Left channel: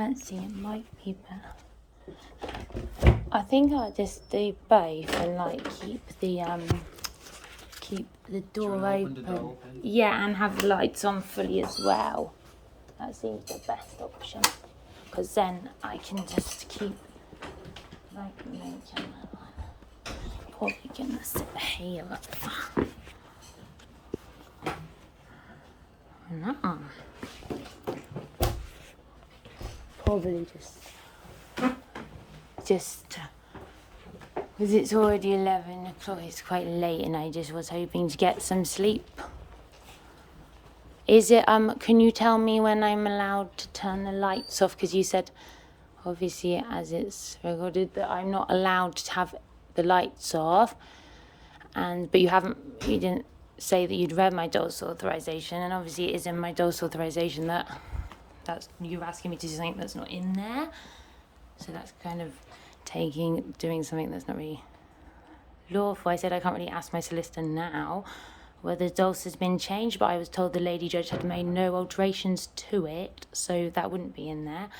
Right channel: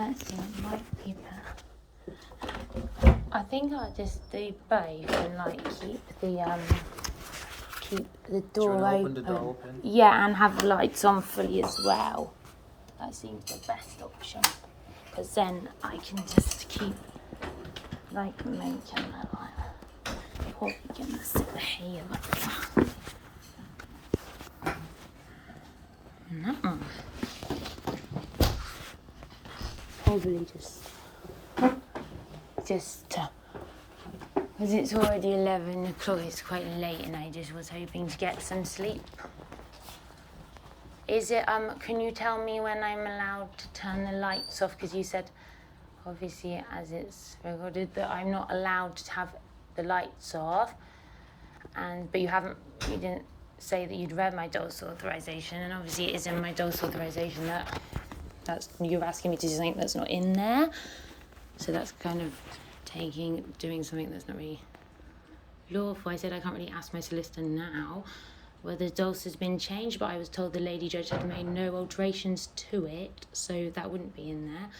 Let's see, it might be better. I think I'll just do both and like keep the door open. Yeah, and have the lights on fully as well. That seems the best option, because then I can just keep like making that like probably gonna sit here. No. Probably just because it's already 11 o'clock, it's quite late and I just was hoping to get some sleep. Is it, can you tell me when I'm allowed to turn the lights off? Because you said, obviously, as it's recorded, that I'm not allowed to have the lights off. But you didn't say that you'd read my DoLS authorization, and obviously it is in my DoLS authorization that's you're asking me to do something that's not in there. So that's kind of doing something that's not really lawful. I said I can't really ask my solicitor now whether DoLS has been changed, but I was told the lady judge had made no alterations to it, so that wouldn't be in there.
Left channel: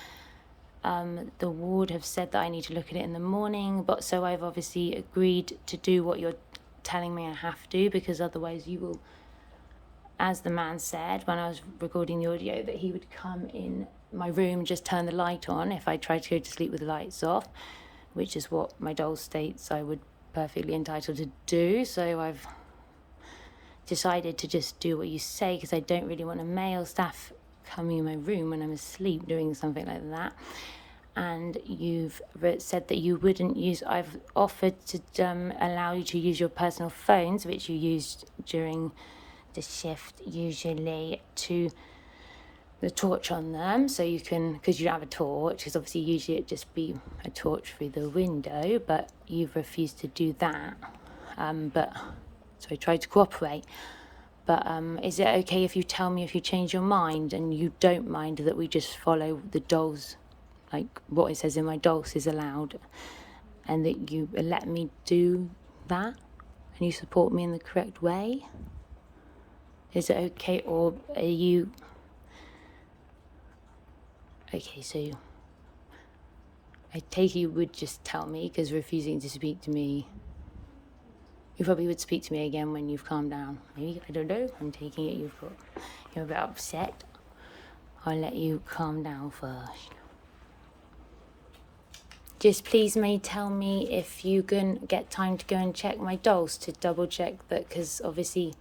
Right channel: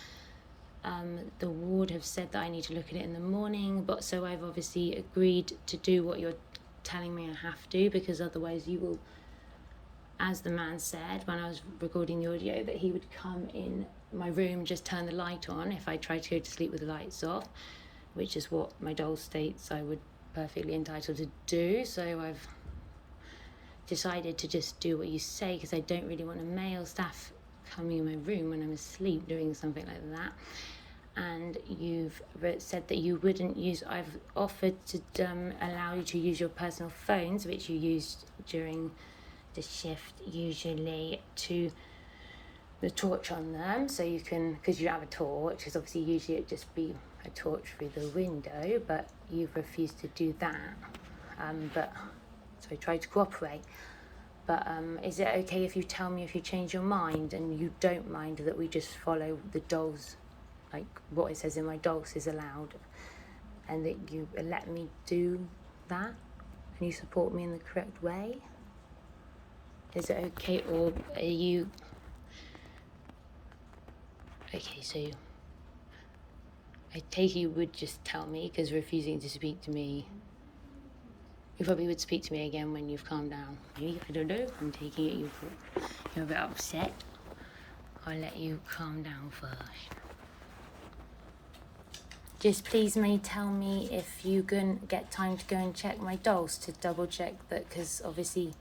The ward have said that I need to look at it in the morning, but so I've obviously agreed to do what you're telling me I have to, because otherwise you will, as the man said when I was recording the audio, that he would come in my room, just turn the light on if I tried to go to sleep with the lights off, which is what my DoLS states I would perfectly entitled to do. So I've decided to just do what you say, because I don't really want a male staff coming in my room when I'm asleep doing something like that. And you've said that you wouldn't use, I've offered to allow you to use your personal phones, which you used during the shift usually, to the torch on them, so you can, because you have a torch, because obviously usually it'd just be a torch through the window, but you've refused to do that. So I tried to cooperate. But is it okay if you tell me if you change your mind and you don't mind that we just follow the DoLS, like what it says in my DoLS is allowed, and that you let me do that and you support me in the correct way? Is it okay, or are you... Okay, so I take it you would just tell me, because refusing to speak to me, you probably would speak to me again when you've calmed down. I don't know, I'm taking it you're a bit upset. I'll let you calm down first. Just please may tell me if you can get time to go and check my DoLS to double check that, because obviously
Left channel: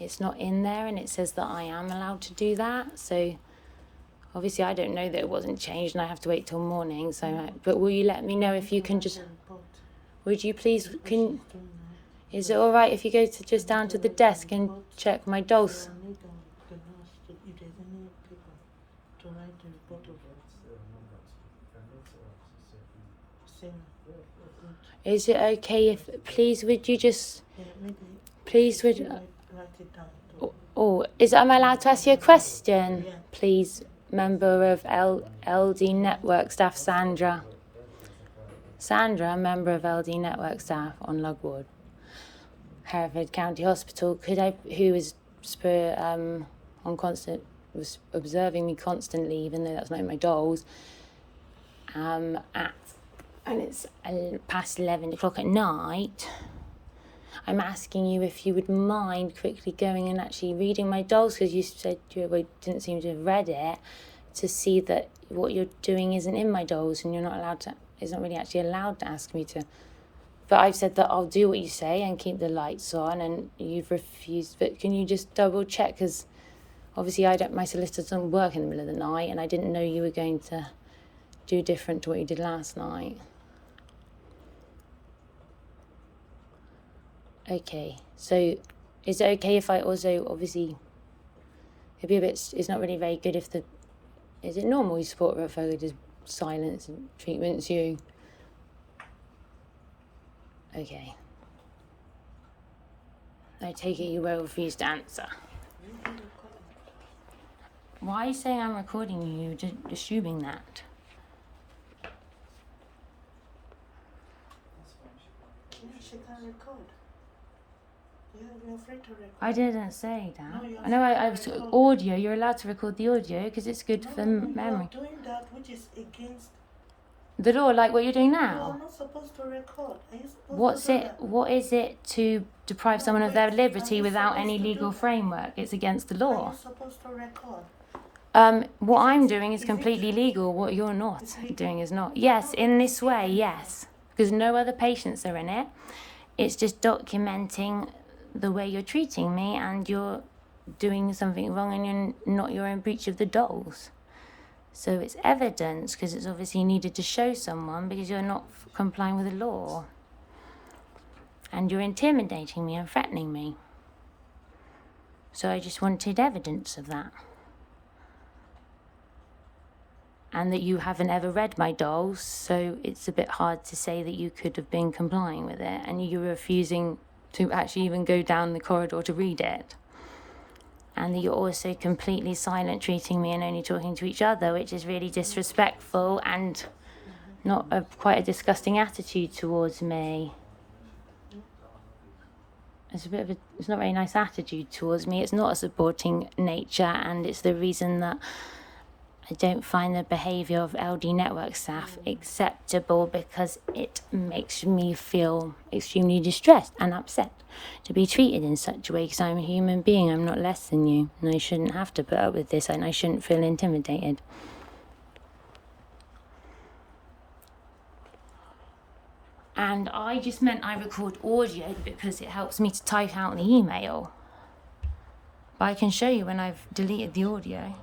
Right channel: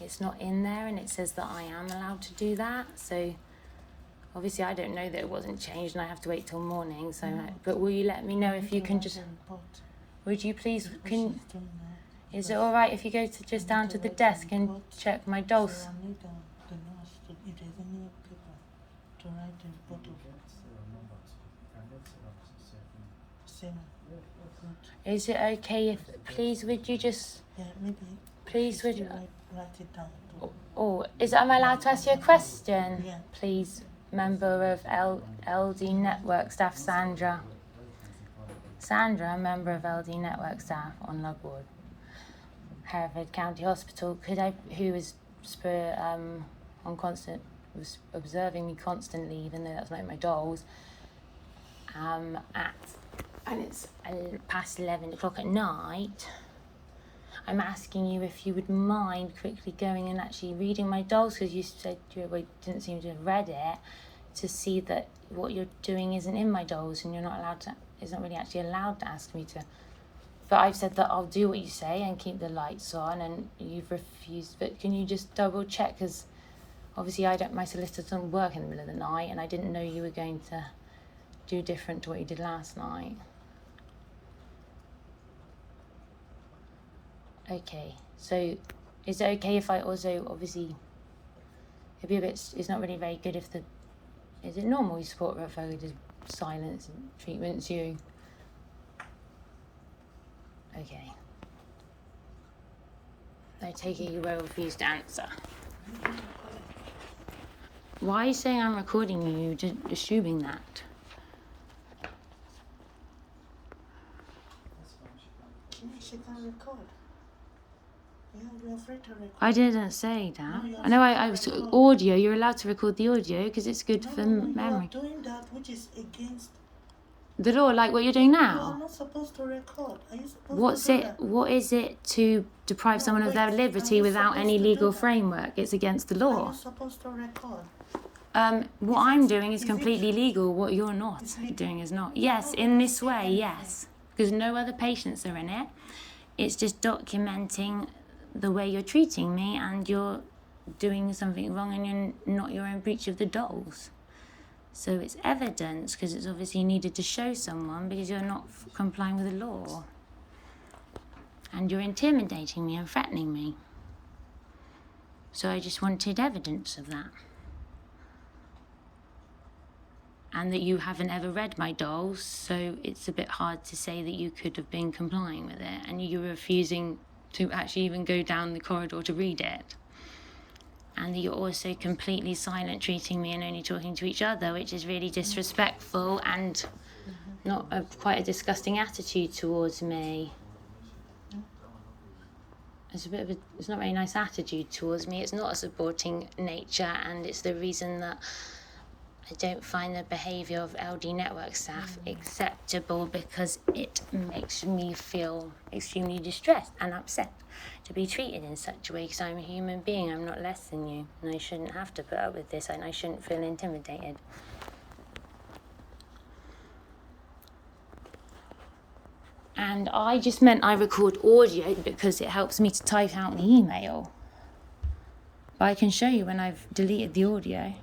it's not in there and it says that I am allowed to do that. So obviously I don't know that it wasn't changed and I have to wait till morning. So, but will you let me know if you can just... Would you please... Is it all right if you go to just down to the desk and check my DoLS? Is it okay if... Please, would you just... Please, would... Oh, am I allowed to ask you a question? Please, member of LD Network staff, Sandra. Sandra, member of LD Network staff on Lug Ward, Hereford County Hospital. Who is on constant was observing me constantly, even though that's not in my dolls. And it's past 11 o'clock at night. I'm asking you if you would mind quickly going and actually reading my dolls, because you said you didn't seem to have read it, to see that what you're doing isn't in my dolls, and you're not allowed to, isn't really actually allowed to ask me to. But I've said that I'll do what you say and keep the lights on, and you've refused. But can you just double check? Because obviously my solicitor doesn't work in the middle of the night, and I didn't know you were going to do different to what you did last night. Okay, so is it okay if I also, obviously, it'd be a bit, it's not really very good if is it normal you support if I just silence and treatments you? Okay. I take it you will refuse to answer. Why are you saying I'm recording you? You're just assuming that. Yeah, she can't record. Yeah, you're afraid to record. I didn't say that. No, I know I was audio. You're allowed to record the audio because it's good for memory. You are doing that which is against The law, like what you're doing You now. are not supposed to record. Are you supposed to do that? What is it to deprive someone of their liberty without any legal framework? It's against the Are law. you supposed to record? What I'm doing is completely legal. What you're not doing is not. Yes, in this way, yes. Because no other patients are in it. It's just documenting the way you're treating me, and you're doing something wrong, and you're in breach of the DoLS. So it's evidence, because it's obviously needed to show someone, because you're not complying with the law. And you're intimidating me and threatening me. So I just wanted evidence of that. And that you haven't ever read my DoLS, so it's a bit hard to say that you could have been complying with it, and you're refusing to actually even go down the corridor to read it. And that you're also completely silent, treating me and only talking to each other, which is really disrespectful and not quite a disgusting attitude towards me. It's it's not a very nice attitude towards me. It's not a supporting nature, and it's the reason that I don't find the behaviour of LD network staff acceptable, because it makes me feel extremely distressed and upset to be treated in such a way, because I'm a human being. I'm not less than you, and I shouldn't have to put up with this, and I shouldn't feel intimidated. And I just meant I record audio because it helps me to type out the email. But I can show you when I've deleted the audio.